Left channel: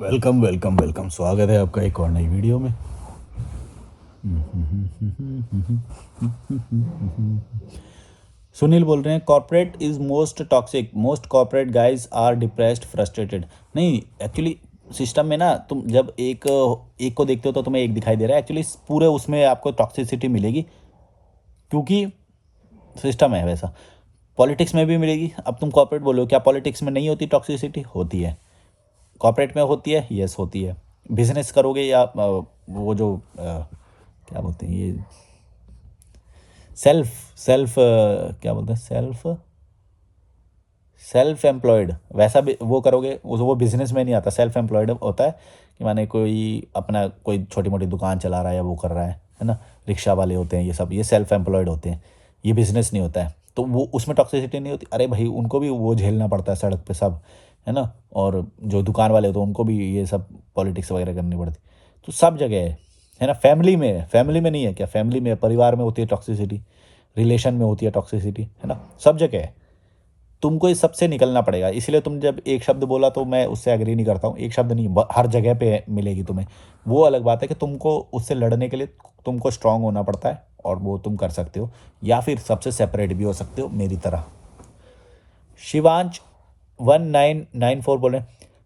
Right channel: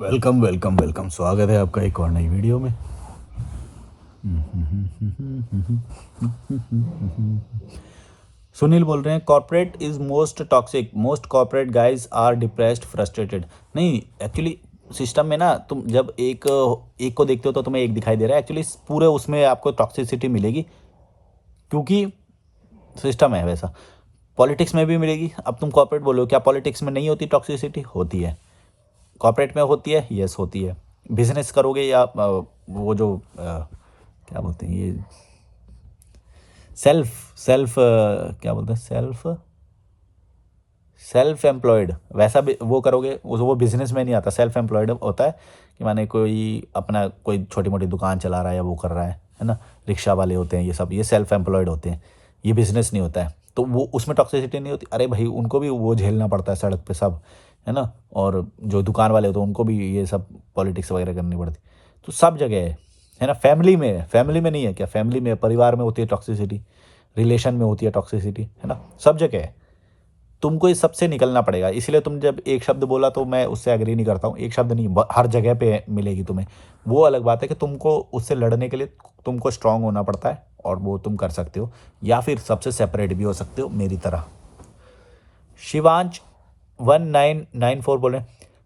Welcome welcome welcome, स्वागत है आपका एक और नई वीडियो में। सुनील बोल रहे हैं, corporate is most toxic, most corporate guys are depressed frustrated. नहीं, एक्चुअली सिस्टम में ना तुम जब एक एक को देखते हो तो तुम्हें एक दिखाई दे रहा है, एक्चुअली पूरे उसमें आपको टॉक्सिसिटी मिलेगी, क्योंकि सिस्टम है वैसा। पॉलिटिक्स में भी मिलेगी। अब तुम कॉर्पोरेट बोलो, क्या पॉलिटिक्स में नहीं होती टॉक्सिसिटी? होती है। कॉर्पोरेट में होती है, यस होती है। बिजनेस करोगे या वो जो क्या बोलते हैं ये, सेल्फ सेल्फ क्या बोलते हैं, सेल्फ एम्प्लॉयड, वैसा भी वो करोगे, वो बिजनेस में नहीं आता। सेल्फ एम्प्लॉयड होता है कि माने कोई अपना कोई छोटी मोटी दुकान चला रहा है या वो कर रहा है ना। रिक्शा वाले होते हैं, ये सब ये सेल्फ एम्प्लॉयड होते हैं। ये बिजनेस नहीं होता है, तो वो उसमें टॉक्सिसिटी नहीं होती। अरे भाई, उनको भी वो झेलना पड़ता है सड़क पे सब, है ना। और जो दुकान वाले होते हैं उनको भी ये सब पॉलिटिक्स वगैरह करनी पड़ती। तो सब जगह है ना। फैमिली में नहीं है क्या? फैमिली में, परिवार में होती है टॉक्सिसिटी, रिलेशन में होती है टॉक्सिसिटी, है ना। सब जगह है। तुमको इस सबसे निकलना पड़ेगा। इसलिए तुम जब एक शब्द बोला तो मैं उससे एग्री नहीं करता हूँ। एक शब्द नहीं, हर जगह पे मिलेगी तुम्हें। वो अलग बात है कि तुमको उससे लड़ने के लिए तुमको स्ट्रांग होना पड़ता है, और वो तुम कर सकते हो, या फिर सबसे सेपरेट भी हो सकते हो मेरी तरह। शिवांश 1994 बोले,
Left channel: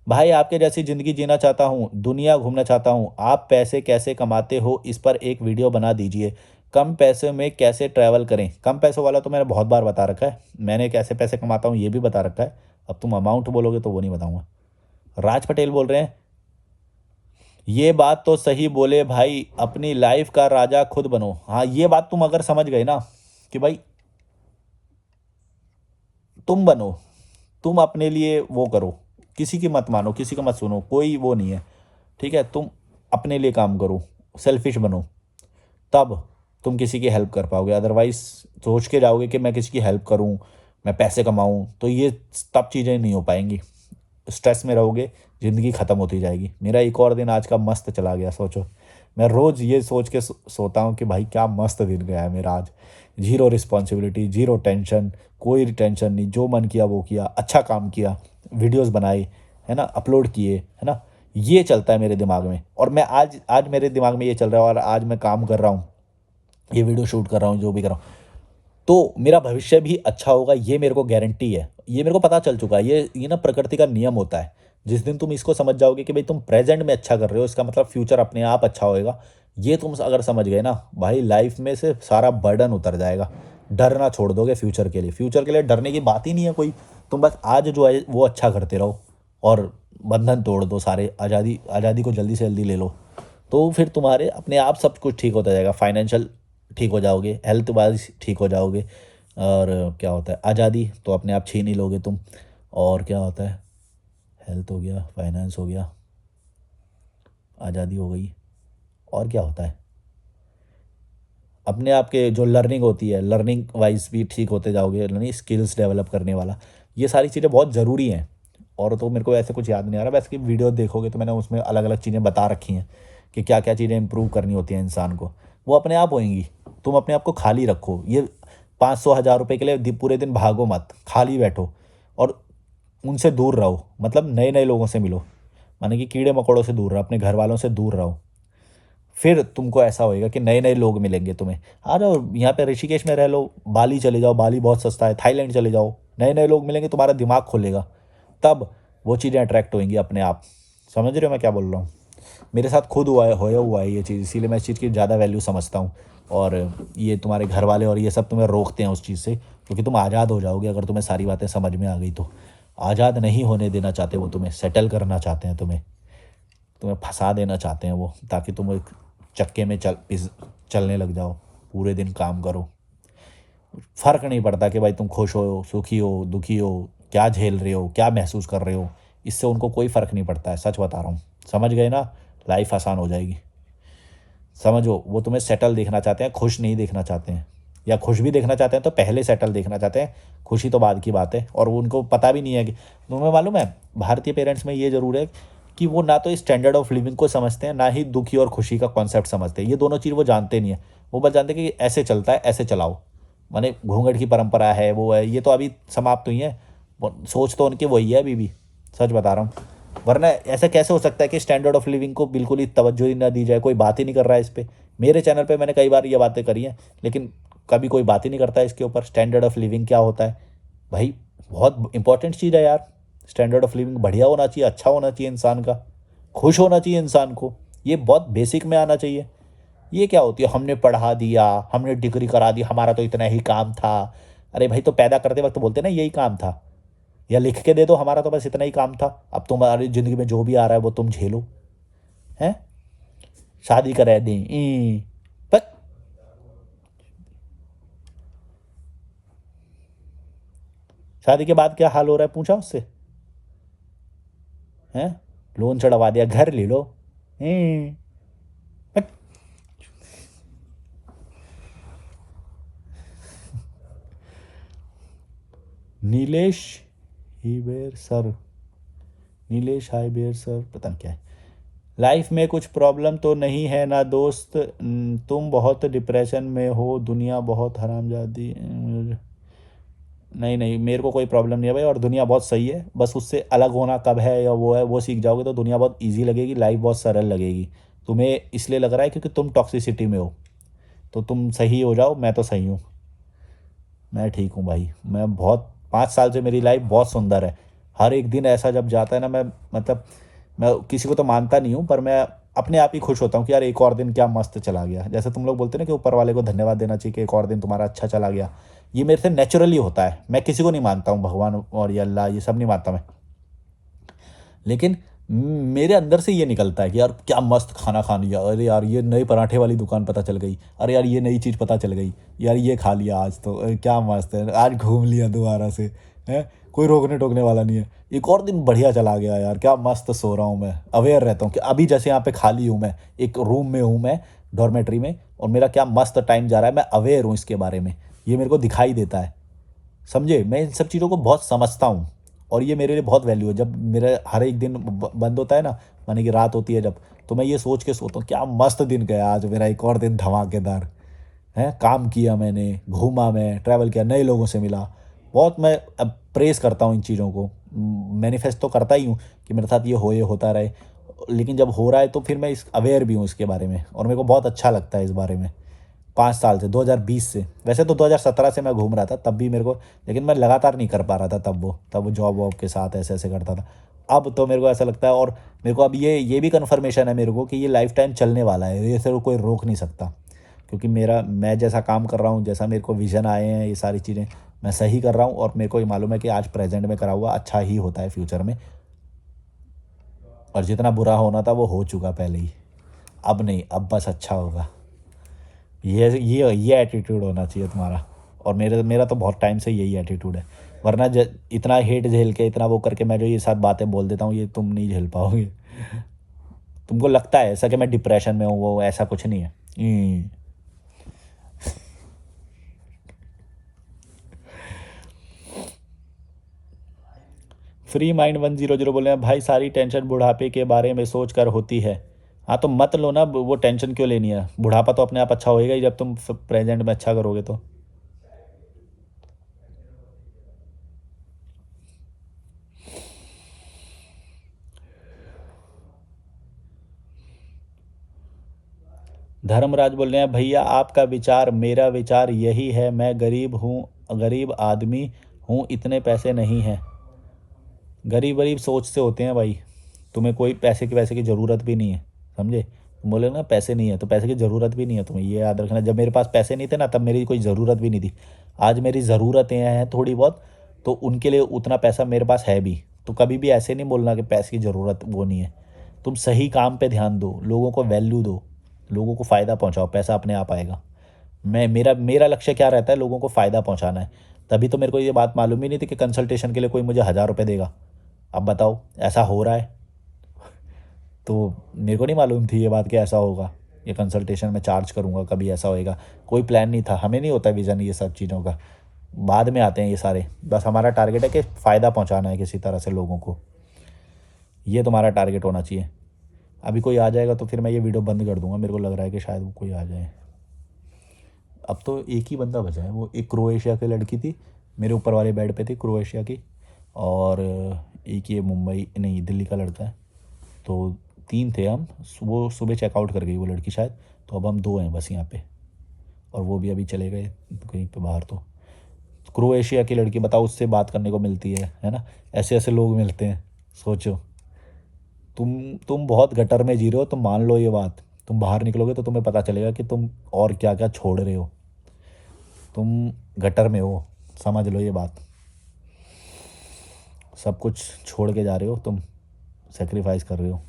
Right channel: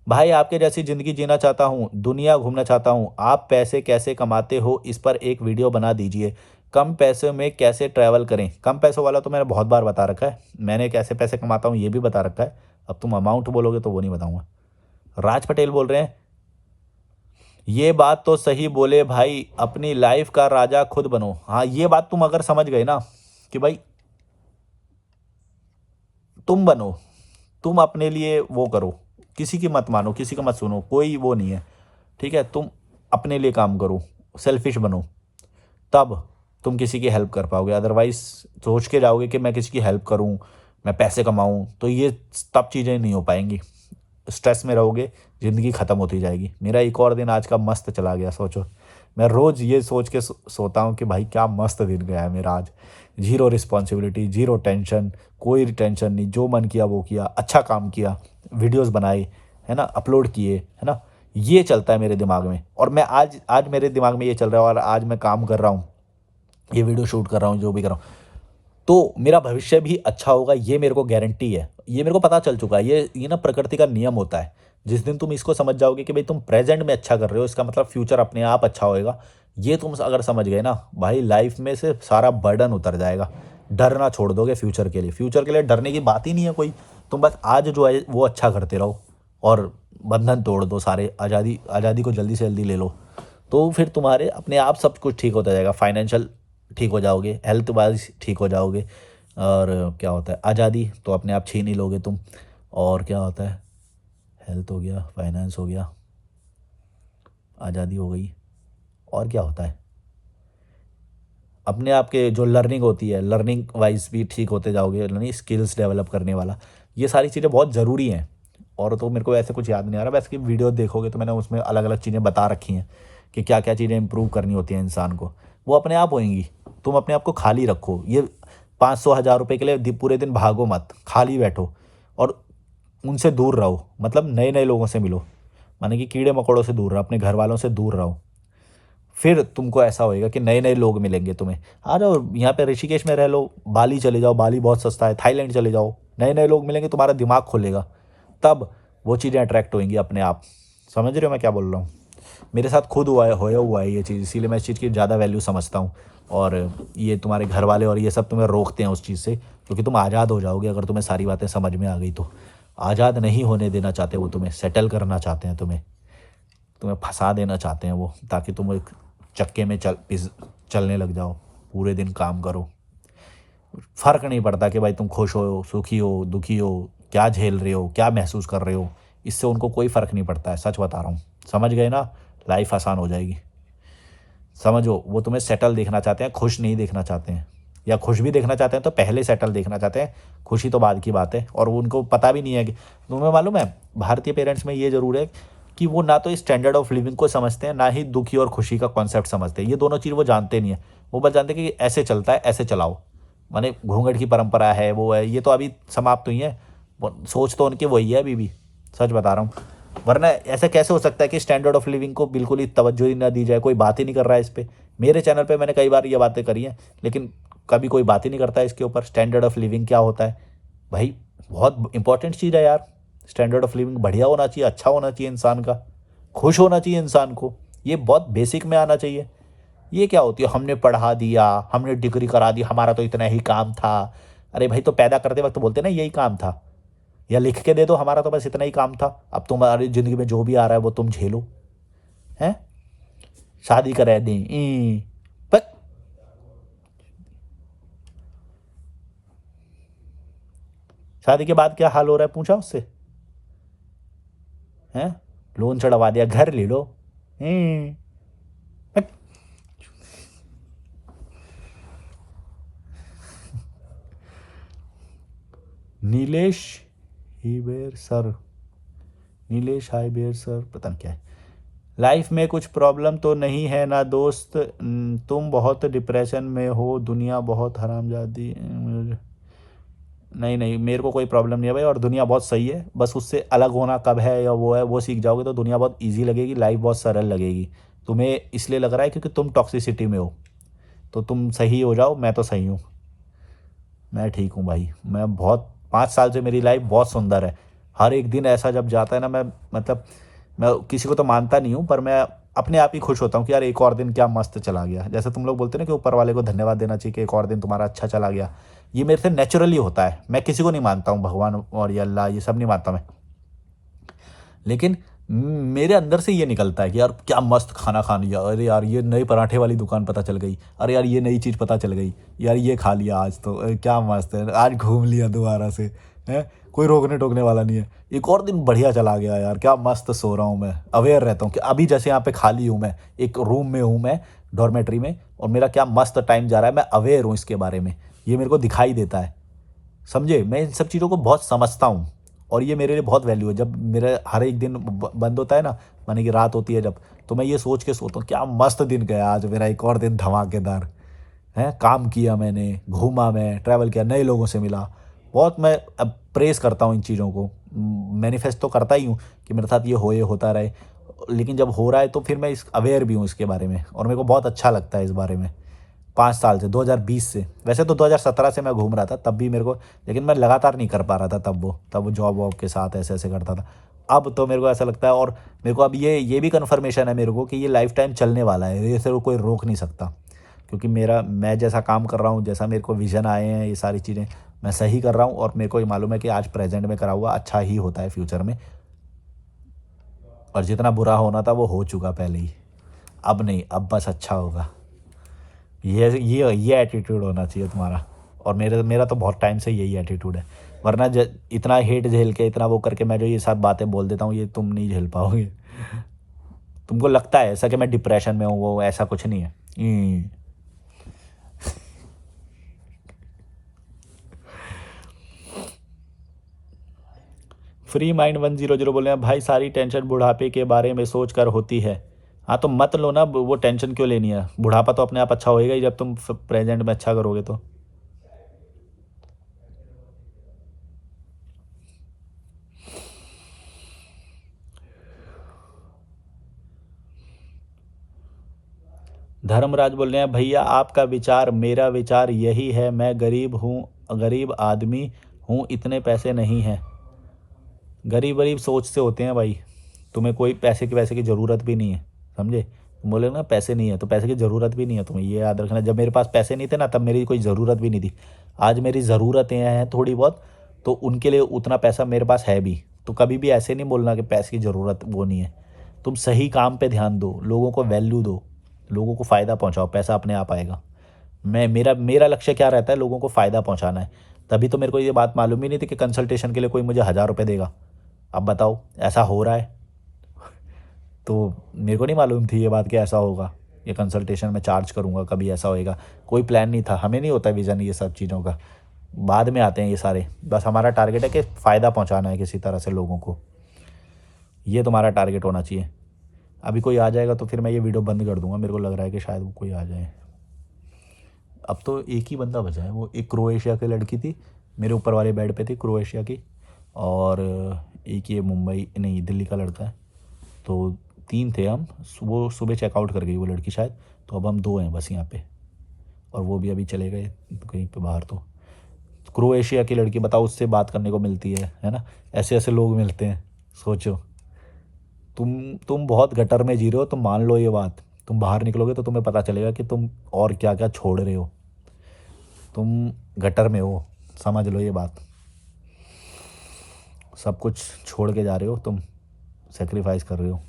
भाई आपके जैसी ज़िंदगी जीना चाहता हूँ, दुनिया घूमना चाहता हूँ। आप पैसे कैसे कमाते हो, इस पर एक वीडियो बना दीजिए। कम पैसे में कैसे ट्रैवल करें? कम पैसों वाला तो मैंने बहुत बार बता रखा है। मैंने कैसे पैसे कमाता हूँ ये भी बता रखा है। अब तुम अमाउंट बोलोगे तो वो नहीं बताऊँगा। राज पटेल बोल रहे हैं, ये बात तो सही बोले भाई, अपनी लाइफ का राजा खुद बनो। हाँ, ये बात तुम अगर समझ गए ना कि भाई तुम बनो, तुम अपने लिए वो करो, किसी की मत मानो, किसी का मत सुनो, कोई वो नहीं है। ठीक है, तुम अपने लिए काम करो, सेल्फिश बनो, तब तुम किसी की हेल्प कर पाओगे। अदरवाइज सोच के जाओगे कि मैं किसी की हेल्प करूं, मैं पैसे कमाऊं, तो ये तब चीज़ें नहीं हो पाएंगी। स्ट्रेस में रहोगे, ज़िंदगी ख़त्म होती जाएगी। मेरा एक और दिन आज का मस्त चला गया, सोचो। मैं रोज़ ये सोच के सोता हूँ कि भाई क्या मस्त दिन गया है मेरा आज। जीरो रिस्पॉन्सिबिलिटी, जीरो टेंशन, कोई टेंशन नहीं, जो मन किया वो किया, अच्छा काम किया, वीडियोस बनाए, है ना, अपलोड किए, है ना। ये चलता है मेरे दिमाग में, और मैं आज आज मेरे दिमाग में ये चल रहा है, और आज मैं काम कर रहा हूँ, ये वीडियो शूट कर रहा हूँ, जो भी कर रहा हूँ, तो मेरा भविष्य भी अच्छा होगा, ये मेरे को गारंटी है। ये मेरे को पता चल चुका है। ये ना प्रकृति का नियम होता है। जिस दिन तुम इसको समझ जाओगे कि भाई तुम प्रेजेंट में अच्छा कर रहे हो, इसका मतलब फ्यूचर अपने आप अच्छा होएगा। ये तुम अगर समझ गए ना भाई, लाइफ में से सारा बर्डन उतर जाएगा। डरना छोड़ दोगे फ्यूचर के लिए। फ्यूचर के लिए डरने की बात ही नहीं है कोई। तुम बस आज जो है वो अच्छा करते रहो, और बंधन तोड़ दो सारे। आज़ादी आज़ादी को जल्दी से जल्दी ले लो, तो फिर तुम्हारे अपने आप सब कुछ ठीक होता जाएगा। फाइनेंशियल ठीक हो जाओगे, हेल्थ वाइज ठीक हो जाओगे। और क्या होता है, आज़ादी तो अपने आप छीन ही लोगे तुम। और क्या होता है, हेल्थ हो गया, फाइनेंस हो गया, आज़ादी हो गई, और क्या होता है, अपने आप के जो लर्निंग होती है, लर्निंग वाइज भी ठीक होते जाओगे। लर्निंग स्किल्स डेवलप करने वाला, ये सारी चीज़ें बहुत ज़रूरी हैं। और तो मेरे को ऐसे कुछ याद नहीं आ रहा। वैसे कि वीडियो देखोगे तो मैंने उसमें अलग अलग चीज़ें बता रखी हैं कि क्या क्या चीज़ें इंप्रूव करनी होती हैं इंसान को। वो अपने आप होएंगी। तुम अपने आप को खाली रखो। ये 500 1000 रुपये के लिए पूरे दिन भागो मत, खाली बैठो, और उनसे दूर रहो। मतलब नए नए लोगों से मिलो, माने कि कीड़े मकोड़ों से दूर रहो, अपने घर वालों से दूर रहो। फिर तुमको ऐसा होएगा कि नए नए लोग मिलेंगे तुम्हें। आ जाओ यहाँ पे ऋषिकेश में रह लो, बाली चले जाओ, बाली बहुत सस्ता है, थाईलैंड चले जाओ, नए नए लोग मिलेंगे, तुम्हारा दिमाग खुलेगा, तब वो चीज़ें अट्रैक्ट होंगी अपने आप। समझ रहे हो मैं क्या बोल रहा हूँ? मेरे साथ खुद हुआ है, होया हुआ है ये चीज़, इसीलिए मैं इस चीज़ की ज़्यादा वैल्यू समझता हूँ। और ये तुम्हारे घर वाले और ये सब तुम्हें रोकते हैं उस चीज़ से, क्योंकि तुम आज़ाद हो जाओगे अगर तुम्हें सारी बातें समझ में आ गई तो। आज़ाद नहीं होने देना चाहते वो, तुम्हें सेटल करना चाहते हैं, तुम्हें तुम्हें फंसा देना चाहते हैं वो, ताकि तुम एक चक्के में चलने लग जाओ, पूरे दिन काम करो। फ़र्क नहीं पड़ता कि भाई तुम खुश हो, सुखी हो, दुखी हो, क्या झेल रहे हो, क्या महसूस कर रहे हो। इससे उनको कोई फ़र्क नहीं पड़ता है, सच बता रहा हूँ। समझ गए ना? लाइफ आसान हो जाएगी। समझो, वो तुम्हें सेटल देखना चाहते हैं, खुश नहीं देखना चाहते हैं। या खुश भी देखना चाहते हैं तो पहले सेटल देखना चाहते हैं, खुशी तो बाद की बात है। और उनको पता भी नहीं है कि, तुम्हें मालूम है, भारतीय पेरेंट्स में ये ज़रूर है कि वो ना तो स्टैंडर्ड ऑफ लिविंग को समझते हैं, ना ही दुखी और खुशी का कॉन्सेप्ट समझते हैं। ये दोनों चीज़ वो जानते नहीं है। वो बस जानते हैं कि ऐसे चलता है, ऐसे चलाओ। माने घूंघट की परंपरा है, वो है, ये तो अभी समाप्त हुई है। सोच तो उनकी वही है अभी भी, सच बता रहा हूँ। वरना ऐसा कैसे हो सकता है कि स्टैंडर्ड ऑफ लिविंग को बिल्कुल ही तवज्जो ही ना दी जाए, कोई बात ही नहीं कर रहा है इस पे। मेरे चैनल पे मैंने कई बार ये बातें करी हैं, लेकिन कभी कोई बात ही नहीं करता है इसके ऊपर। स्टैंडर्ड ऑफ लिविंग क्या होता है भाई? बहुत इंपॉर्टेंट चीज़ है यार। स्टैंडर्ड ऑफ लिविंग बढ़िया होना चाहिए, अच्छा होना चाहिए इंसान का, खुश होना चाहिए इंसान को। ये बहुत बेसिक में आना चाहिए। ये क्या होती है, हमने पढ़ा दिया, हमने डिग्री करा दी, हमारा तो इतना ही काम था। अरे भाई, तो पैदा करते वक्त बोलते ना यही काम था, या लिख के दे दो हमारा तो बस इतना ही काम था, अब तुम्हारी ज़िंदगी में जो भी आ रहा है वो तुम झेलो। हैं? शादी करा दें पर शादी के बाद क्या हाल हो रहा है पूछा उससे? हैं? लोन चढ़वा दिया, घर ले लो। ई, बट नीलेश हीबेर सर, नीलेश हाईबेर सर, पता नहीं क्या है। लाइफ में कुछ प्रॉब्लम तो नहीं है ना दोस्त? तुम बहुत डिप्रेशन में हो, दुनिया बहुत हरामजादी। नहीं नहीं, मेरे को कोई प्रॉब्लम नहीं है भाई, और दुनिया बहुत सही है। बस उससे अलग होना कब है या वो है, वो सीख जाओगे तो दुनिया बहुत इजी लगेगी, लाइफ बहुत सरल लगेगी। तुम्हें इसलिए लग रहा है क्योंकि तुम टॉक्सिसिटी में हो, तो तुम सही हो जाओ। मैं तो सही हूँ, मैं ठीक हूँ भाई। मैं बहुत 5 साल से मेरी लाइफ बहुत सुंदर है। हर एक दिन ऐसा जब जाता है ना, मैं मतलब मैं किसी को तो मानता नहीं हूँ, पर मैं अपने आप ही खुश होता हूँ कि यार एक और दिन क्या मस्त चला गया। जैसे तुम लोग बोलते हैं ना कि ऊपर वाले को धन्यवाद देना चाहिए कि एक और दिन तुम्हारा अच्छा चला गया। ये मेरे से नेचुरली होता है। मैं किसी को नहीं मानता हूँ, भगवान और ये अल्लाह ये सब नहीं मानता मैं, लेकिन मेरे अंदर से ये निकलता है कि यार क्या मस्त खाना खा लिया, अरे यार ये नई पराठे वाली दुकान पता चल गई, अरे यार ये नई चीज़ पता चल गई, यार ये खा लिया आज तो, क्या मस्त है, आज घूम लिया दोबारा से। है, कोई रोकने टोकने वाला नहीं है। एक और दिन बढ़िया चला गया यार, क्या मस्त सो रहा हूँ मैं, अवेयर रहता हूँ कि अभी जैसे यहाँ पे खाली हूँ मैं, एक रूम में हूँ मैं, डॉर्मेट्री में, और मेरा क्या मस्त टाइम जा रहा है, मैं अवेयर हूँ इसके बारे में, ये मेरे को दिखाई देता है। समझे? मैं इन सब चीज़ों को बहुत समझता हूँ, और ये मेरे लिए बहुत वैल्यू है। जब मेरा हर एक दिन बंद होता है ना, माने कि रात होती है जब, तो मैं ये सोच के सोता हूँ क्या मस्त दिन गया आज मेरा, एक और दिन धमाकेदार है। काम किया मैंने, घूमा मैं, ट्रैवल किया, नए लोगों से मिला। बहुत मैं अब प्रेस करता हूँ इन चीज़ों को, मैनिफेस्ट तो करता ही हूँ कि मेरे साथ ये हो, ये होता रहे। लेकिन जब हो रहा है तो फिर मैं इस अवेयर भी हूँ इसके बारे में, और मेरे को बहुत अच्छा लगता है इस बारे में। 5 साल से, 2020 से, वैसे तो 2017 से मैं घूम रहा था तब भी मेरे को, लेकिन मैं लगातार नहीं कर पा रहा था तब वो जॉब वॉब के साथ ऐसे ऐसे करता था। अब तो मेरे को ऐसा लगता है, और मेरे को अब ये भी कन्फर्मेशन है मेरे को कि ये लाइफ टाइम चलने वाला है, ये सिर्फ कोई रोक नहीं सकता। क्योंकि मैं जैसा काम कर रहा हूँ, जैसा मेरे को विजन आए हैं, ये सारी चीज़ें मैं सही कर रहा हूँ, और मेरे को ये मालूम है कि आज प्रेजेंट में करा हुआ अच्छा ही होता है फ्यूचर में। और जितना बुरा होना था वो हो चुका पहले ही, अब नहीं, अब बस अच्छा होगा। ये एटीट्यूड होना चाहिए तुम्हारा, और मेरा मेरा तो बहुत टाइम से यही एटीट्यूड है। वरना इतना हेट झेल के, इतना वो करके मैं जो ये सब बातें बोल देता हूँ, ये तुम नहीं झेल पाओगे। तुमको लगता है ऐसा कि मैं डिप्रेशन में हूँ, वो ऐसा कुछ नहीं है। फ्री माइंड 100 बोल रहे हैं, भाई सारी टेंशन बुढ़ापे के बारे में सोच कर होती है। हाँ तो मत लो ना, वो टेंशन क्यों लेनी है? बुढ़ापा तो अपने आप अच्छा होएगा ही जब तुम प्रेजेंट में अच्छा करोगे तो। धर्मराज बोल रहे हैं, भैया आपका विचार मेरा विचार यही है, मैं गरीब हूँ, गरीब आदमी हूँ, इतने पैसे नहीं हैं। गरीब गरीब सोच से होते हैं भाई, तुम्हें कोई पैसे की वैसे की ज़रूरत भी नहीं है। समझे? तुम बोले ना पैसे नहीं है, तो पैसे की ज़रूरत भी नहीं है तुम्हें, ये याद रखना। जब मेरे पास पैसे नहीं थे ना, तब मेरी कोई ज़रूरत भी नहीं थी। आज मेरी ज़रूरतें हैं थोड़ी बहुत, तो उनके लिए उतना पैसा मेरे पास है भी। तो कभी भी ऐसे नहीं बोलना कि पैसे की ज़रूरत वो नहीं है। तुम सही काम पे ध्यान दो, लोगों को वैल्यू दो, लोगों को फ़ायदा पहुँचाओ, पैसा अपने आप आएगा। मेरा मेरा लक्ष्य क्या रहता है? लोगों को फ़ायदा पहुँचाना है। तभी तो मेरे को ये बात मालूम ही नहीं थी कि कंसल्टेशन के लिए कोई मुझे 1000 रुपये देगा। अब बताओ, ऐसा हो रहा है। तो मेरे को नहीं मालूम थी ये बात कि ऐसा होगा, ये कंसल्टेशन मैं चार्ज करूँगा, कभी ऐसा होएगा। कोई प्लान नहीं था, हमें नहीं होता विज़न ये सब चीज़ों का, बाद में आते हैं ये सारे। बस हमारा टारगेट है कि फ़ायदा पहुँचाना है किसी तरह से लोगों को, ये तुम्हारा टारगेट होना चाहिए। अभी कोई आ जाएगा तो फिर मैं ये वीडियो बंद कर दूँगा, मेरे को लग रहा है कि शायद वो कोई आ जाए। अब तो एक ही बंदा बचा है, वो एक क्रोएशिया की लड़की थी, मेरे ऊपर वाले बेड पे थी, क्रोएशिया की। और एक ये मुंबई नहीं दिल्ली का लड़का है। तो 3 थे हम, वो सुबह चेकआउट कर गई वो लड़की शायद, तो अब हम 2 हैं बस यहाँ पे, और वो भी अभी चले गए कहीं पे बाहर। तो क्रोएशिया की लड़की, बताओ, उससे बात करने को मिलती है ना? ऐसे ऐसे लोग मिलते हैं, सोचो। तुम बहुत गटर में जी रहे हो, तुम मान लो ये बात। तुम बाहर निकलोगे तो तुम्हें पता चलेगा कि तुम और क्या क्या छोड़ रहे हो। तुम गटर में हो, समझ लो ये बात। सब कुछ छोड़ के जा रहे हो तुम, सेक्रीफाइस कर रहे हो।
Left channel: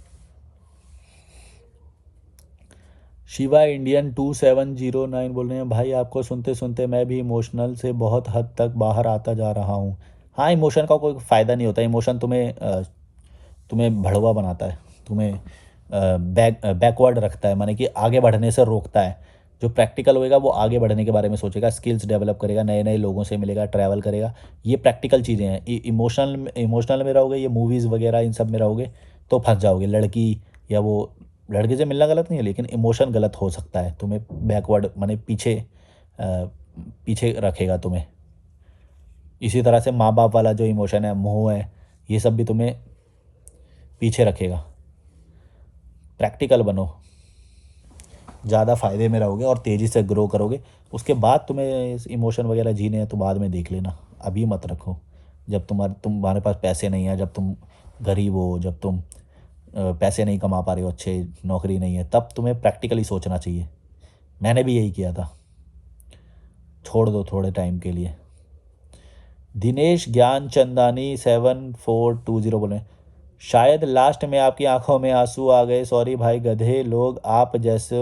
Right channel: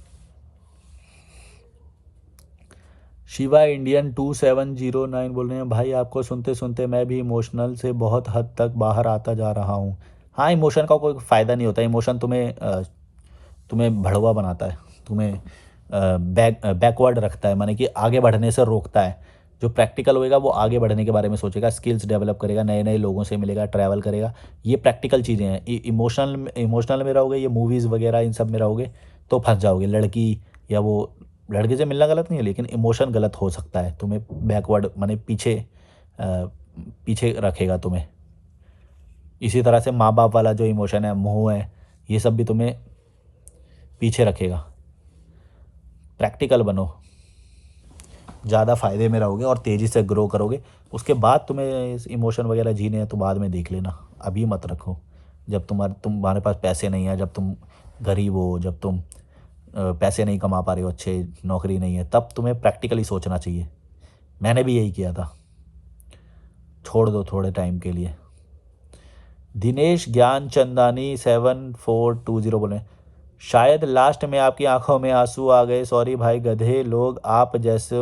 शिवा इंडियन 2709 बोल रहे हैं, भाई आपको सुनते सुनते मैं भी इमोशनल से बहुत हद तक बाहर आता जा रहा हूँ। हाँ, इमोशन का कोई फ़ायदा नहीं होता। इमोशन तुम्हें भड़वा बनाता है, तुम्हें बैकवर्ड रखता है, माने कि आगे बढ़ने से रोकता है। जो प्रैक्टिकल होएगा वो आगे बढ़ने के बारे में सोचेगा, स्किल्स डेवलप करेगा, नए नए लोगों से मिलेगा, ट्रैवल करेगा। ये प्रैक्टिकल चीज़ें हैं। इमोशनल इमोशनल में रहोगे, ये मूवीज़ वगैरह इन सब में रहोगे तो फंस जाओगे। लड़की या वो लड़के से मिलना गलत नहीं है, लेकिन इमोशन गलत हो सकता है, तुम्हें बैकवर्ड माने पीछे रखेगा तुम्हें। इसी तरह से माँ बाप वाला जो इमोशन है, मोह है, ये सब भी तुम्हें पीछे रखेगा। प्रैक्टिकल बनो, ज़्यादा फ़ायदे में रहोगे और तेज़ी से ग्रो करोगे। उसके बाद तुम्हें इमोशन वगैरह जीने हैं तो बाद में देख लेना, अभी मत रखो। जब तुम्हारे पास पैसे नहीं है, जब तुम गरीब हो, जब तुम पैसे नहीं कमा पा रहे हो, अच्छे नौकरी नहीं है, तब तुम्हें प्रैक्टिकली सोचना चाहिए। मैंने भी यही किया था। छोड़ दो थोड़े टाइम के लिए। दिनेश ज्ञान चंदानी 7420 बोले, शायद लास्ट में आपकी आंखों में आंसू आ गए। सॉरी भाई, गधे लोग आप जैसे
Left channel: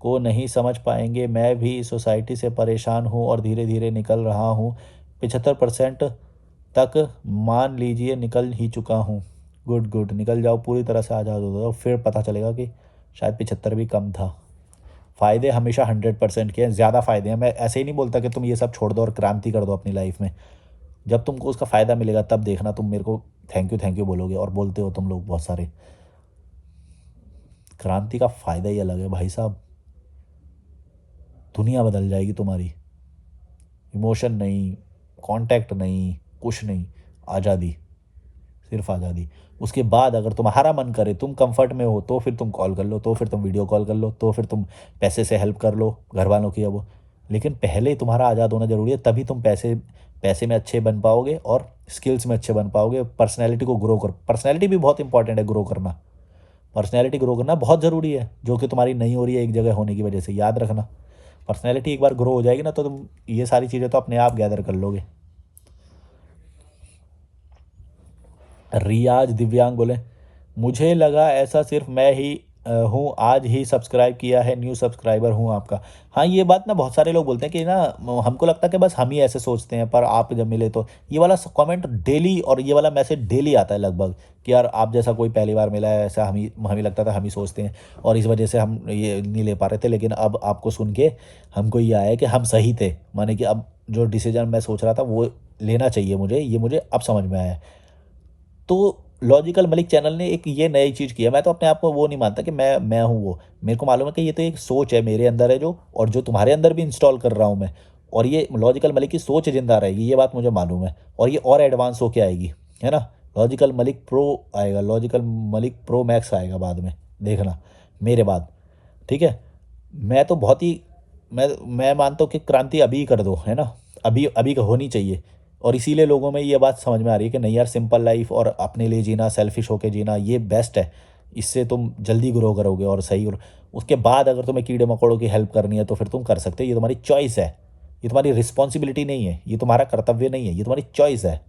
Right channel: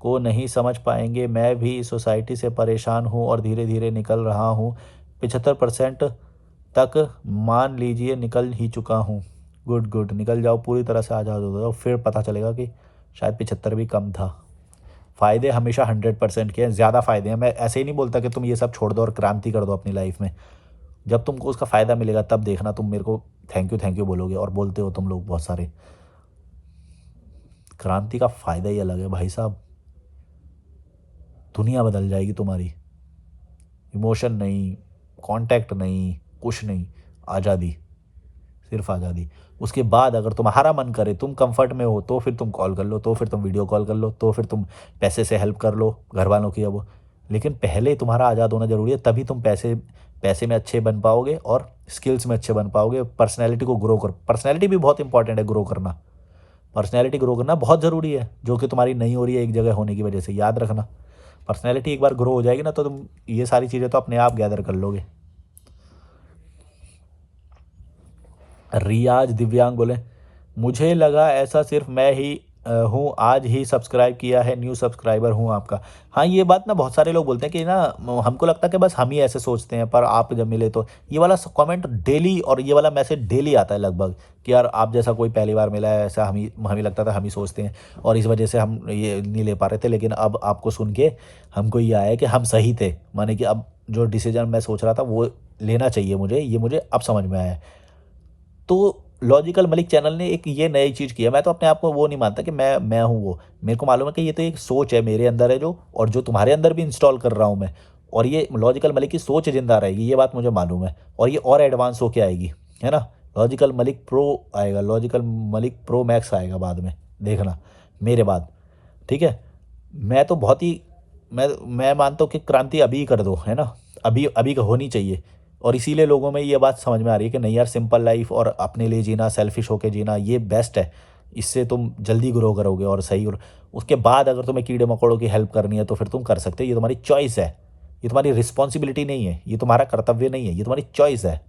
को नहीं समझ पाएंगे। मैं भी इस सोसाइटी से परेशान हूँ और धीरे धीरे निकल रहा हूँ। 75% तक मान लीजिए निकल ही चुका हूँ। गुड गुड, निकल जाओ, पूरी तरह से आज़ाद हो जाओ, फिर पता चलेगा कि शायद 75 भी कम था। फ़ायदे हमेशा 100% के हैं, ज़्यादा फ़ायदे हैं। मैं ऐसे ही नहीं बोलता कि तुम ये सब छोड़ दो और क्रांति कर दो अपनी लाइफ में। जब तुमको उसका फ़ायदा मिलेगा तब देखना, तुम मेरे को थैंक यू बोलोगे, और बोलते हो तुम लोग बहुत सारे। क्रांति का फ़ायदा ही अलग है भाई साहब। दुनिया बदल जाएगी तुम्हारी। इमोशन नहीं, कांटेक्ट नहीं, कुछ नहीं, आज़ादी, सिर्फ आज़ादी। उसके बाद अगर तुम्हारा मन करे, तुम कंफर्ट में हो, तो फिर तुम कॉल कर लो, तो फिर तुम वीडियो कॉल कर लो, तो फिर तुम पैसे से हेल्प कर लो घर वालों की। अब लेकिन पहले तुम्हारा आज़ाद होना ज़रूरी है, तभी तुम पैसे पैसे में अच्छे बन पाओगे और स्किल्स में अच्छे बन पाओगे। पर्सनैलिटी को ग्रो कर, पर्सनैलिटी भी बहुत इंपॉर्टेंट है ग्रो करना। पर्सनैलिटी ग्रो करना बहुत ज़रूरी है, जो कि तुम्हारी नहीं हो रही है एक जगह होने की वजह से। याद रखना, पर्सनैलिटी एक बार ग्रो हो जाएगी ना, तो तुम ये सारी चीज़ें तो अपने आप गैदर कर लोगे। रियाज दिव्यांग बोले, मुझे लगा ऐसा सिर्फ मैं ही हूँ, आज ही सब्सक्राइब किया है, न्यू सब्सक्राइबर हूँ आपका। हाँ, ये बात ना बहुत सारे लोग बोलते हैं कि ना, हमको लगता है कि बस हम ही ऐसे सोचते हैं, पर आप जब मिले तो ये वाला कमेंट डेली और ये वाला मैसेज डेली आता है लगभग, कि यार आप जैसा कोई पहली बार मिला है, ऐसा हमें लगता था, हम ही सोचते हैं, और इस वजह से हम ये नहीं ले पा रहे थे। लेकिन अब आपको सुन के हमको ये आया है कि हम सही थे, माने कि अब जो डिसीजन मैं सोच रहा था वो लेना चाहिए मुझे, ये मुझे अब समझ में आया है। तो लॉजिकल मलिक चैनल ने एक ये नई चीज़ की है। मैं तो अपने आप को वो नहीं मानता कि मैं हूँ वो। मेरे को मालूम है कि ये तो एक सोच है मेरे अंदर है जो, और जो तुम्हारे अंदर भी इंस्टॉल कर रहा हूँ मैं, और ये लॉजिकल मलिक की सोच ज़िंदा रहेगी, ये बात मुझे मालूम है, और ये और एडवांस होके आएगी, है ना? लॉजिकल मलिक प्रो आएगा, लॉजिकल मलिक प्रो मैक्स आएगा बाद में, देखना मेरे बाद, ठीक है? मैं तो बहुत ही मैं मानता हूँ कि क्रांति अभी ही कर दो, है ना? अभी अभी होनी चाहिए। और इसीलिए लोगों में ये बात समझ में आ रही है कि नहीं यार, सिंपल लाइफ और अपने लिए जीना, सेल्फिश होके जीना, ये बेस्ट है। इससे तुम जल्दी ग्रो करोगे और सही उसके बाद अगर तुम्हें कीड़े मकोड़ों की हेल्प करनी है तो फिर तुम कर सकते हो। ये तुम्हारी चॉइस है, ये तुम्हारी रिस्पॉन्सिबिलिटी नहीं है, ये तुम्हारा कर्तव्य नहीं है, ये तुम्हारी चॉइस है।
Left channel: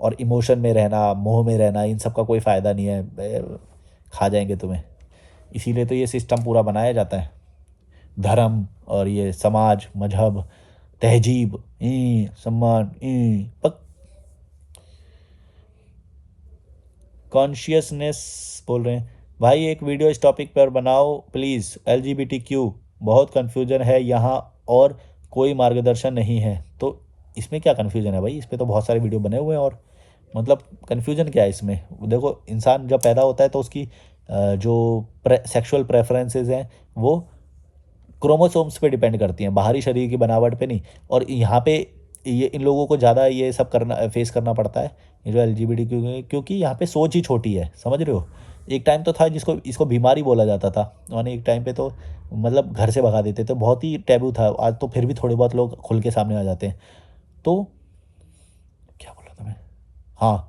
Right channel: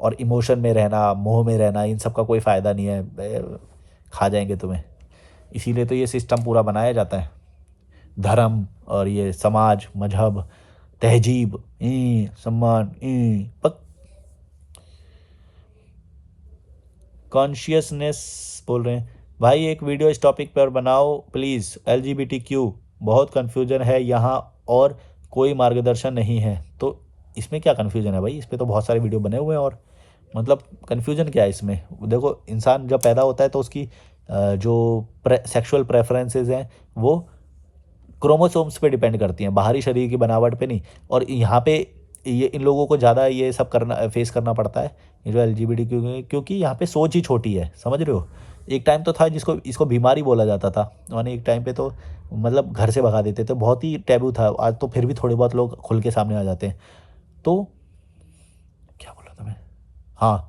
और इमोशन में रहना, मोह में रहना, इन सब का कोई फ़ायदा नहीं है, खा जाएंगे तुम्हें। इसीलिए तो ये सिस्टम पूरा बनाया जाता है, धर्म और ये समाज, मजहब, तहजीब, सम्मान, पक कॉन्शियसनेस बोल रहे हैं, भाई एक वीडियो इस टॉपिक पर बनाओ प्लीज़। LGBTQ बहुत कन्फ्यूजन है यहाँ और कोई मार्गदर्शन नहीं है। तो इसमें क्या कन्फ्यूजन है भाई? इस पे तो बहुत सारे वीडियो बने हुए हैं। और मतलब कन्फ्यूजन क्या है इसमें? देखो, इंसान जब पैदा होता है तो उसकी जो सेक्सुअल प्रेफरेंसेस हैं वो क्रोमोसोम्स पे डिपेंड करती हैं, बाहरी शरीर की बनावट पे नहीं। और यहाँ पे ये इन लोगों को ज़्यादा ये सब करना फेस करना पड़ता है, ये जो एलजीबीटी, क्योंकि यहाँ पे सोच ही छोटी है, समझ रहे हो? एक टाइम तो था जिसको इसको बीमारी बोला जाता था, माने एक टाइम पे तो मतलब घर से भगा देते थे, बहुत ही टैबू था। आज तो फिर भी थोड़े बहुत लोग खुल के सामने आ जाते हैं। तो क्या बोला था मैं? हाँ,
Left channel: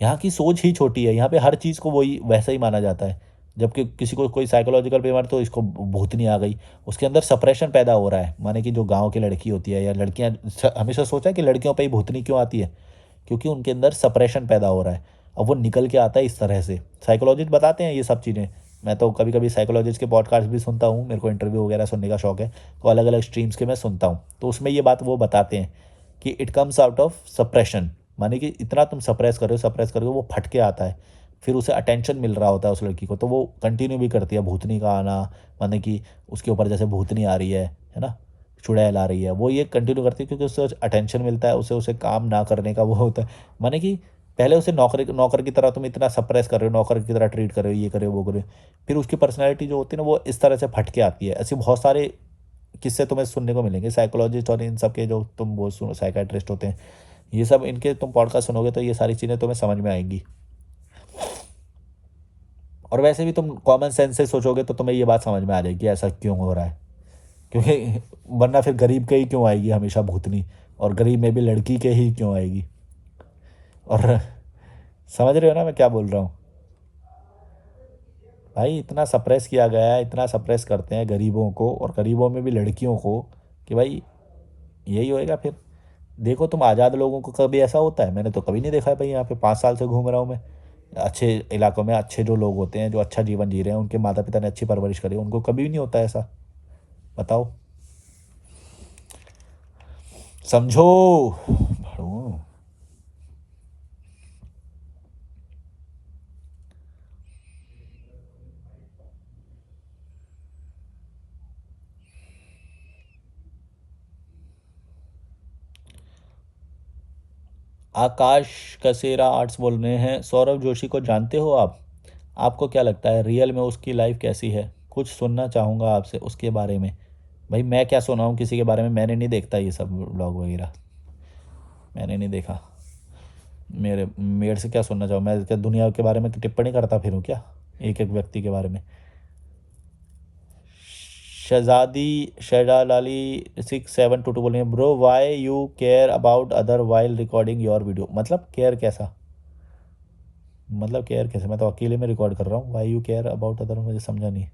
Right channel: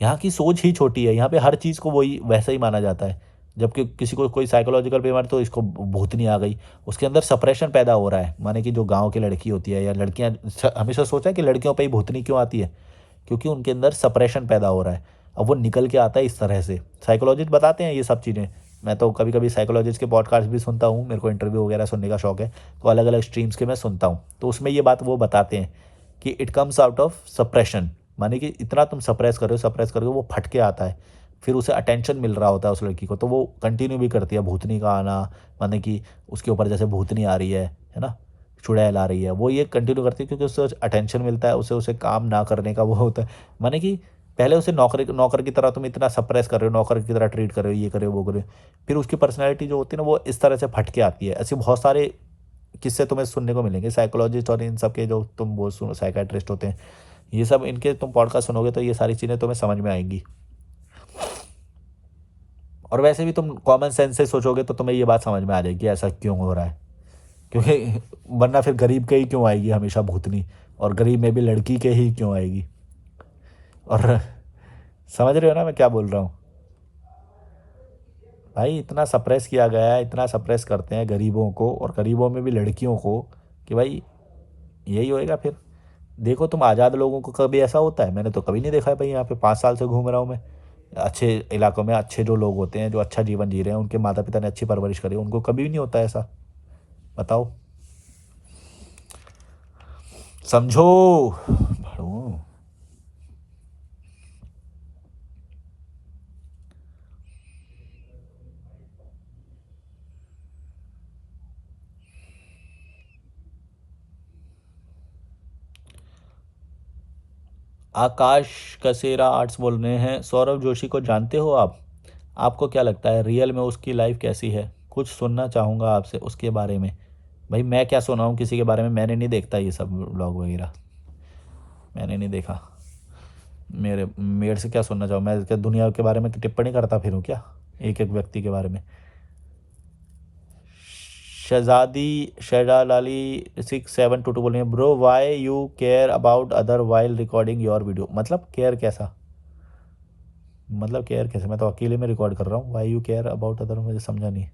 यहाँ की सोच ही छोटी है, यहाँ पे हर चीज़ को वही वैसा ही माना जाता है। जबकि किसी को कोई साइकोलॉजिकल बीमारी तो इसको भूतनी आ गई, उसके अंदर सप्रेशन पैदा हो रहा है। माने कि जो गाँव की लड़की होती है या लड़कियाँ, हमेशा सोचा है कि लड़कियों पे ही भूतनी क्यों आती है? क्योंकि उनके अंदर सप्रेशन पैदा हो रहा है। अब वो निकल के आता है इस तरह से। साइकोलॉजिस्ट बताते हैं ये सब चीज़ें। मैं तो कभी-कभी साइकोलॉजिस्ट के पॉडकास्ट भी सुनता हूँ, मेरे को इंटरव्यू वगैरह सुनने का शौक है, तो अलग-अलग स्ट्रीम्स के मैं सुनता हूँ। तो उसमें ये बात वो बताते हैं कि it comes out of suppression, माने कि इतना तुम सप्रेस कर रहे हो, वो फट के आता है। फिर उसे अटेंशन मिल रहा होता है उस लड़की को, तो वो कंटिन्यू भी करती है भूतनी का आना, माने कि उसके ऊपर जैसे भूतनी आ रही है ना? चुड़ैल आ रही है, वो ये कंटिन्यू करती है क्योंकि उससे अटेंशन मिलता है, उसे उसे काम ना करने का वो होता है। माने कि पहले उसे नौकर की तरह तुम इतना सप्रेस कर रहे हो, नौकर की तरह ट्रीट कर रहे हो, ये कर रहे हो, वो कर रहे हो। फिर उसकी पर्सनैलिटी जो होती है ना, वो इस तरह से फट के आती है। ऐसे बहुत सारे किस्से तुम्हें सुनने को मिलेंगे साइकोलॉजिस्ट और इन सब के, जो तुम वो सुनो साइकियाट्रिस्ट होते हैं, ये सब इनके तुम पॉडकास्ट सुनोगे तो ये सारी चीज़ें तुम्हें समझ में आएँगी। और वैसे भी तुम कॉमन सेंस से सोचोगे तो तुम्हें ये बात समझ में आ जाएगी ऐसा क्यों हो रहा है। क्योंकि वरना फिर गरीब के ही क्यों आएगी हमेशा भूतनी, और गरीब में भी लड़की के ही क्यों आएगी। और समझ रहे हो ना मैं क्या बोल रहा हूँ? भाई इतना सप्रेस किया गया है, इतना सप्रेस करते हैं गरीबों को, और गरीबों में भी लड़कियों को, कि भाई यही होएगा फिर। देखो तुम आज़ाद लोगों को कभी ऐसा होता है? मैंने तो कभी नहीं देखा है भाई, यहाँ पे 5 साल से घूम रहा हूँ मैं। अच्छे इलाकों में अच्छे जो लोग होते हैं, जो अच्छा जीवन जी रहे हैं, उनके माता-पिता ने अच्छी परवरिश करी है, उनको कभी भी नहीं होता ऐसा। बताओ। समझो। भड़ों। आकाश कसेरा आर्ट्स बोल रहे हैं, सौरभ जोशी को जानते हो आप? आपको क्या लगता है रियल में उसकी लाइफ कैसी है? कुछ सुनना चाहूँगा आपसे उसके बारे में। भाई मैं क्या सुनाऊँ किसी के बारे में, मैंने नहीं देखता ये सब व्लॉग वगैरह, मैंने नहीं देखा। मेरे से क्या सुनना चाहूँ मैं? क्या दुनिया के बारे में टिप्पणी करता फिरूँ क्या, एक एक व्यक्ति के बारे में? शहजालाली 6722 बोल रहे हैं, bro why you care about other while recording your video. मतलब केयर कैसा? मतलब केयर कैसे? मैं तो अकेले में रिकॉर्ड कर रहा हूँ, why you care about other, मुझे समझा नहीं।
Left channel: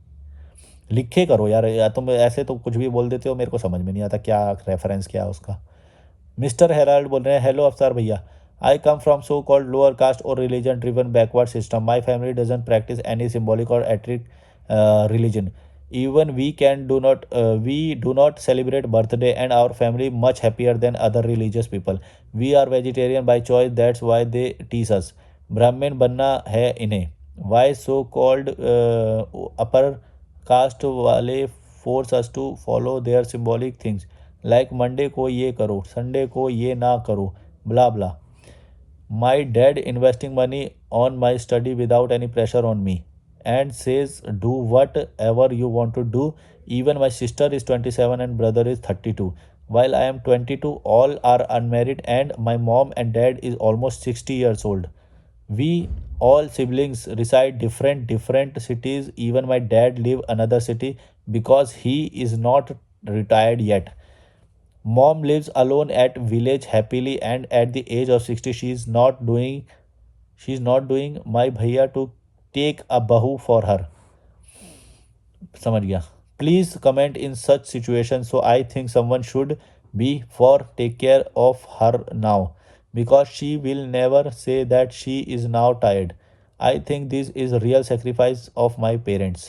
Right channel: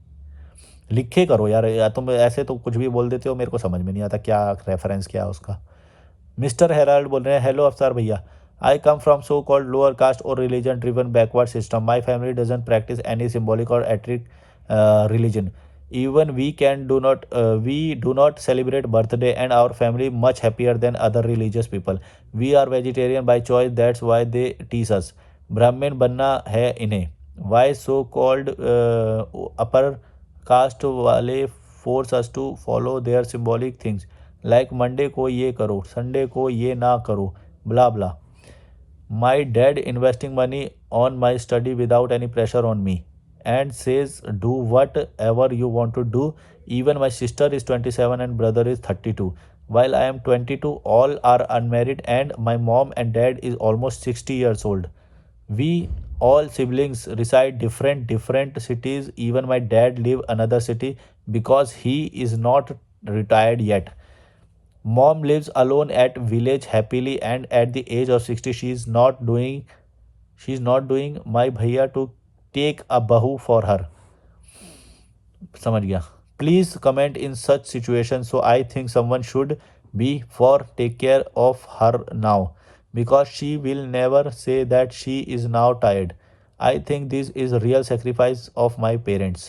लिखे करो यार, या तुम ऐसे तो कुछ भी बोल देते हो, मेरे को समझ में नहीं आता क्या रेफरेंस क्या है उसका। मिस्टर हेराल्ड बोल रहे हैं, हेलो अफसर भैया, I come from so called lower caste or religion driven backward system, my family doesn't practice any symbolic or एट्रिक religion, even we do not celebrate birthday and our family much happier than other religious people. We are vegetarian by choice, that's why they tease us. ब्राह्मण बनना है इन्हें, why so called upper caste वाले force us to follow their symbolic things like Monday को ये करो, Sunday को ये ना करो, blah blah. My dad investing money on my study without any pressure on me and says do whatever you want to do. Even my sister is 27 and brother is 32. While I am 22, all are unmarried and my mom and dad is almost 60 years old. We all siblings reside different cities. Even my dad live another city because he is not retired yet. Mom lives alone at village happily and at the age of 60 she's not doing my bhaiya to take a bahu for her. समझ गया. Please comment in such situations. So I think someone should be for take care of her now because she will never say that she is now tired. I think this is real sacrifice of my parents.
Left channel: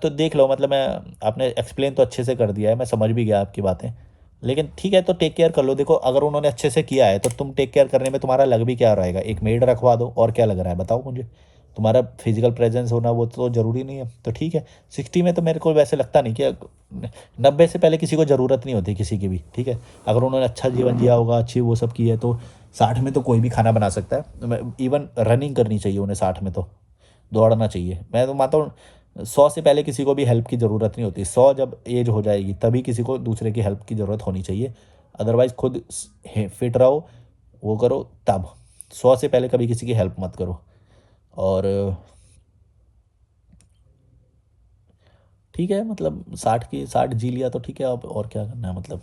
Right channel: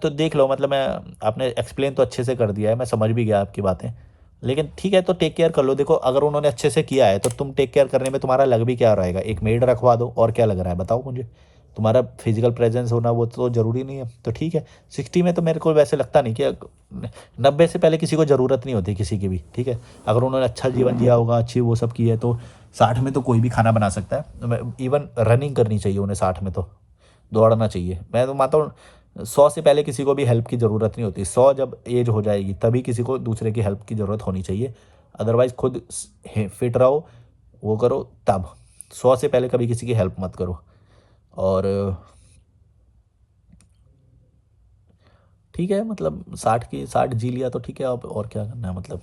तो देख लो, मतलब मैं, आपने explain तो अच्छे से कर दिया है, मैं समझ भी गया आपकी बातें, लेकिन ठीक है तो टेक केयर कर लो। देखो अगर उन्होंने अच्छे से किया है तो तुम टेक केयर करने में तुम्हारा लग भी क्या रहेगा, एक मेड रखवा दो, और क्या लग रहा है बताओ मुझे? तुम्हारा फिजिकल प्रेजेंस होना वो तो ज़रूरी नहीं है, तो ठीक है। 60 में तो मेरे को वैसे लगता नहीं कि 90 से पहले किसी को ज़रूरत नहीं होती किसी की भी, ठीक है। अगर उन्होंने अच्छा जीवन जिया होगा, अच्छी वो सब की है, तो 60 में तो कोई भी खाना बना सकता है। इवन रनिंग करनी चाहिए उन्हें 60 में, तो दौड़ना चाहिए। मैं तो मानता हूँ 100 से पहले किसी को भी हेल्प की ज़रूरत नहीं होती, 100 जब एज हो जाएगी तभी किसी को दूसरे की हेल्प की ज़रूरत होनी चाहिए। अदरवाइज़ खुद फिट रहो, वो करो तब। 100 से पहले कभी किसी की हेल्प मत करो। और ठीक है, मतलब 60 जी लिया तो ठीक है, अब और क्या करना है मतलब।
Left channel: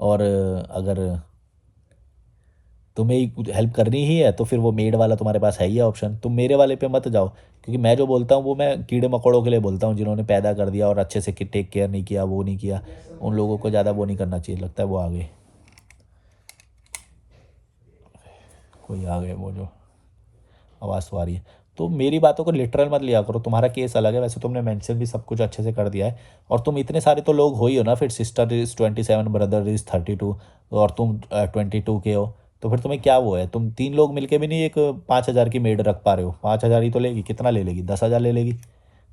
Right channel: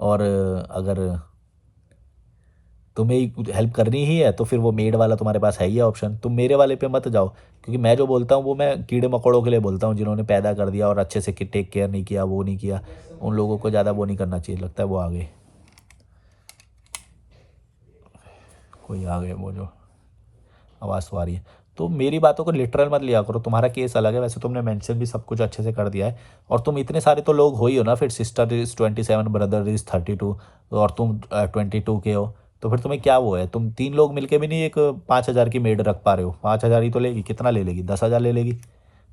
और अगर तुम्हें ही हेल्प करनी ही है तो फिर वो मेड वाला तुम्हारे पास है ही ऑप्शन, तुम मेरे वाले पे मत जाओ, क्योंकि मैं जो बोलता हूँ वो मैं कीड़े मकोड़ों के लिए बोलता हूँ, जिन्होंने पैदा कर दिया और अच्छे से टेक केयर नहीं किया, वो नहीं किया, उन लोगों को ज़्यादा वो नहीं करना चाहिए। लगता है वो आ गए, कोई आ गए, वो जो आवाज़ तो आ रही है। तो मेरी बातों को लिटरल मत लिया करो, तुम्हारा केस अलग है, वैसे तुमने मेंशन भी सब कुछ अच्छे से कर दिया है। और तुम इतने सारे तो लोग हो ही हो ना, फिर सिस्टर इज़ 27, ब्रदर इज़ 32, और तुम 22 के हो, तो फिर तुम्हें क्या वो है, तुम 3 लोग मिलके भी नहीं एक 5,000 की मेड रख पा रहे हो। 5,000 ही तो लेगी, कितना ले लेगी, 10,000 ले लेगी,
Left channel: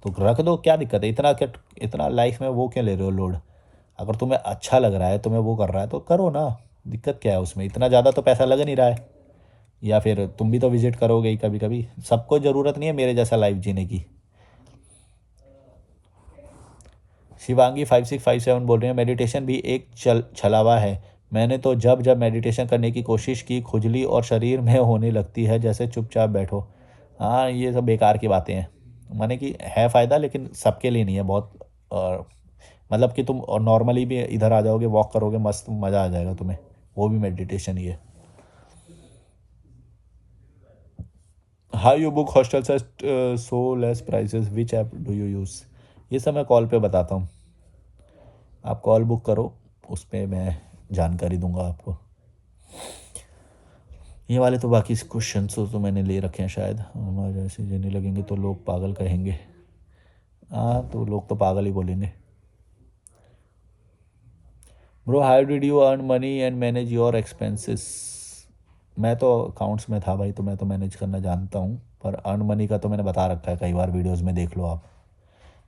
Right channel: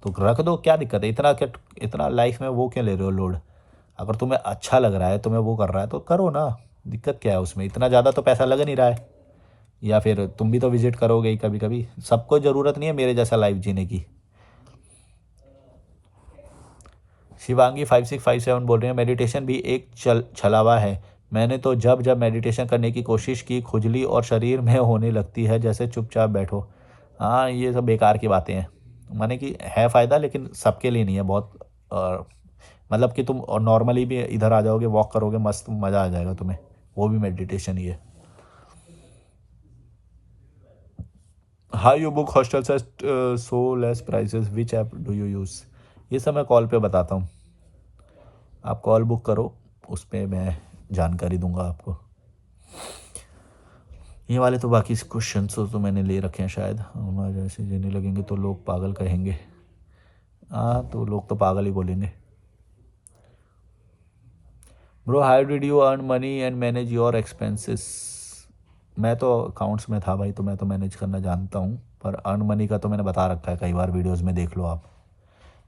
तो रख दो, क्या दिक्कत है, इतना क्या, इतना लाइफ में वो क्यों ले रहे हो लोड। अगर तुम्हें अच्छा लग रहा है, तुम्हें वो कर रहा है तो करो ना, दिक्कत क्या है उसमें, इतना ज़्यादा तो पैसा लग नहीं रहा है। या फिर तुम भी तो विजिट करोगे ही कभी कभी, सबको ज़रूरत नहीं है मेरे जैसा लाइफ जीने की। शिवांगी 5657 बोल रहे हैं, मेडिटेशन भी एक छलावा है। मैंने तो जब जब मेडिटेशन करने की कोशिश की, खुजली और शरीर में होने लगती है जैसे चुपचाप बैठो। हाँ, ये सब बेकार की बातें हैं, माने कि है फ़ायदा लेकिन सबके लिए नहीं है बहुत। मतलब कि तुम और नॉर्मली भी इधर आ जाओगे, वॉक करोगे, मस्त मज़ा आ जाएगा तुम्हें, वो भी मेडिटेशन ही है। How you book hostels at so less prices, which app do you use. ये सब मैं कॉल पे बताता हूँ, आप कॉल बुक करो, उस पर मैं जानकारी दूंगा आपको। ये वाले तो बाकी क्वेश्चन तो मैंने ले रखे हैं शायद, हमारे जैसे जीने लगेंगे तो लोग पागल कहेंगे। हाँ, तो लोग तो पागल ही बोलेंगे। Bro how did you earn money and manage your expenses. मैं तो अकाउंट्स में था भाई, तो मैं तो मैनेज करना जानता हूँ, पर अर्न मनी का तो मैंने बता रखा है कई बार, वीडियोस में देख लो आप।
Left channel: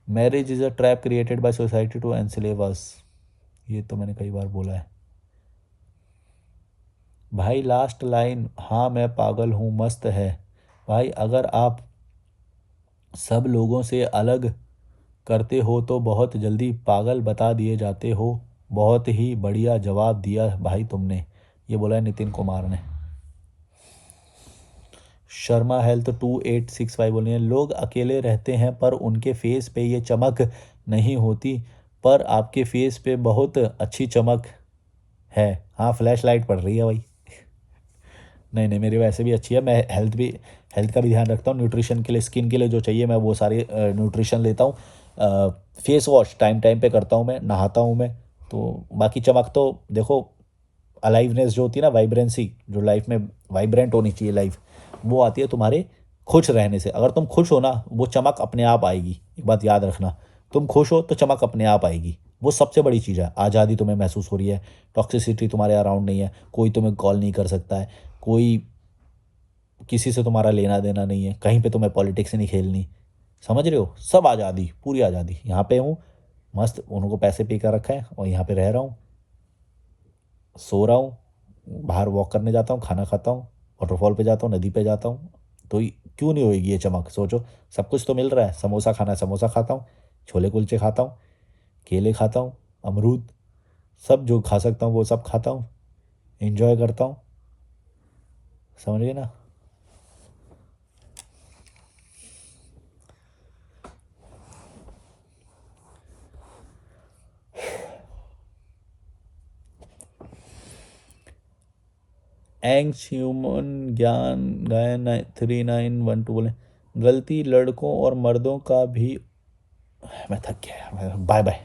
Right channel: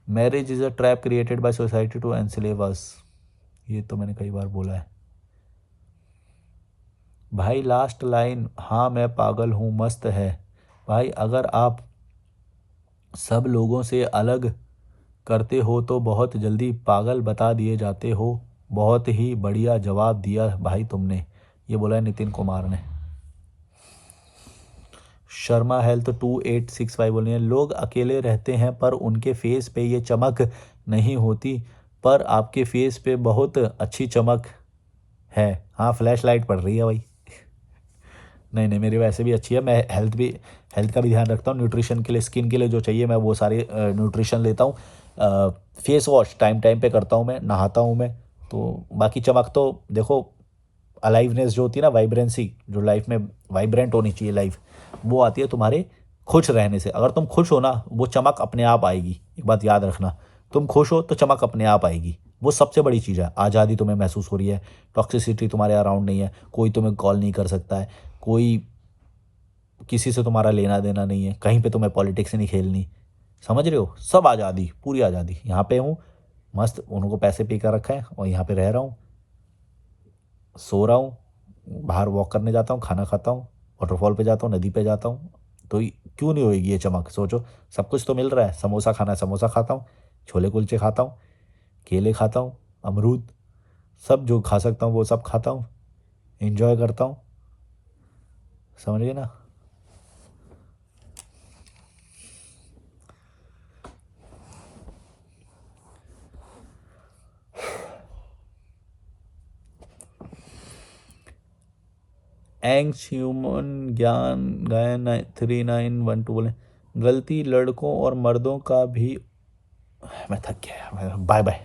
Marriage is a trap created by society to enslave us, ये तो मैंने कई बार बोला है। भाई लास्ट लाइन, हाँ मैं पागल हूँ मस्त है। भाई अगर आप सब लोगों से अलग करते हो तो बहुत जल्दी पागल बता दिए जाते हो। बहुत ही बढ़िया जवाब दिया भाई तुमने, ये बोला है नितिन कुमार ने। शर्मा हेल्थ 2865 बोल रहे हैं, लोग अकेले रहते हैं पर उनके फेस पे ये चमक नहीं होती, पर आपके फेस पे बहुत अच्छी चमक है। हाँ, फ्लैश लाइट पड़ रही है भाई। नहीं नहीं, मेरी वैसे भी अच्छी है, मैं हेल्थ का भी ध्यान रखता हूँ, न्यूट्रिशन के लिए, स्किन के लिए जो चाहिए मैं वो सारे न्यूट्रिशन लेता हूँ। फेस वॉश टाइम टाइम पे करता हूँ, मैं नहाता हूँ मैं। तो बाकी चमक तो देखो, अलाइवनेस जो होती है ना, वाइब्रेंसी जो लाइफ में वाइब्रेंट होनी चाहिए लाइफ, वो आती है तुम्हारे खुश रहने से। अगर तुम खुश हो ना, वो चमक अपने आप आएगी, एक बात याद रखना, तुम खुश हो तो चमक अपने आप आएगी, वो सबसे बड़ी चीज़ है। आज़ादी तुम्हें महसूस हो रही है, टॉक्सिसिटी तुम्हारे अराउंड नहीं है, कोई तुम्हें कॉल नहीं कर सकता है, कोई किसी से तुम्हारा लेना देना नहीं है, कहीं पे तुम्हें पॉलिटिक्स नहीं खेलनी, समझ रहे हो, सब आज़ादी, पूरी आज़ादी। यहाँ पे हूँ मस्त, उनको पैसे पे कर रखा है और यहाँ पे रह रहा हूँ, सो रहा हूँ, बाहर वॉक करने जाता हूँ, खाना खाता हूँ, वाटरफॉल पे जाता हूँ, नदी पे जाता हूँ, तो क्यों नहीं होएगी ये चमक, सोचो। सब कुछ तो मिल रहा है, समोसा खाना है समोसा खाता हूँ, छोले कुलचे खाता हूँ, केले खाता हूँ, अमरूद, सब जो खा सकता हूँ वो सब खाता हूँ, इंजॉय करता हूँ, समझ गए ना। एंग्स ह्यूमन ज्ञान गायन 3912 बोले, गलती लड़कों और मर्दों का भी। मैं थक गया, बाय बाय।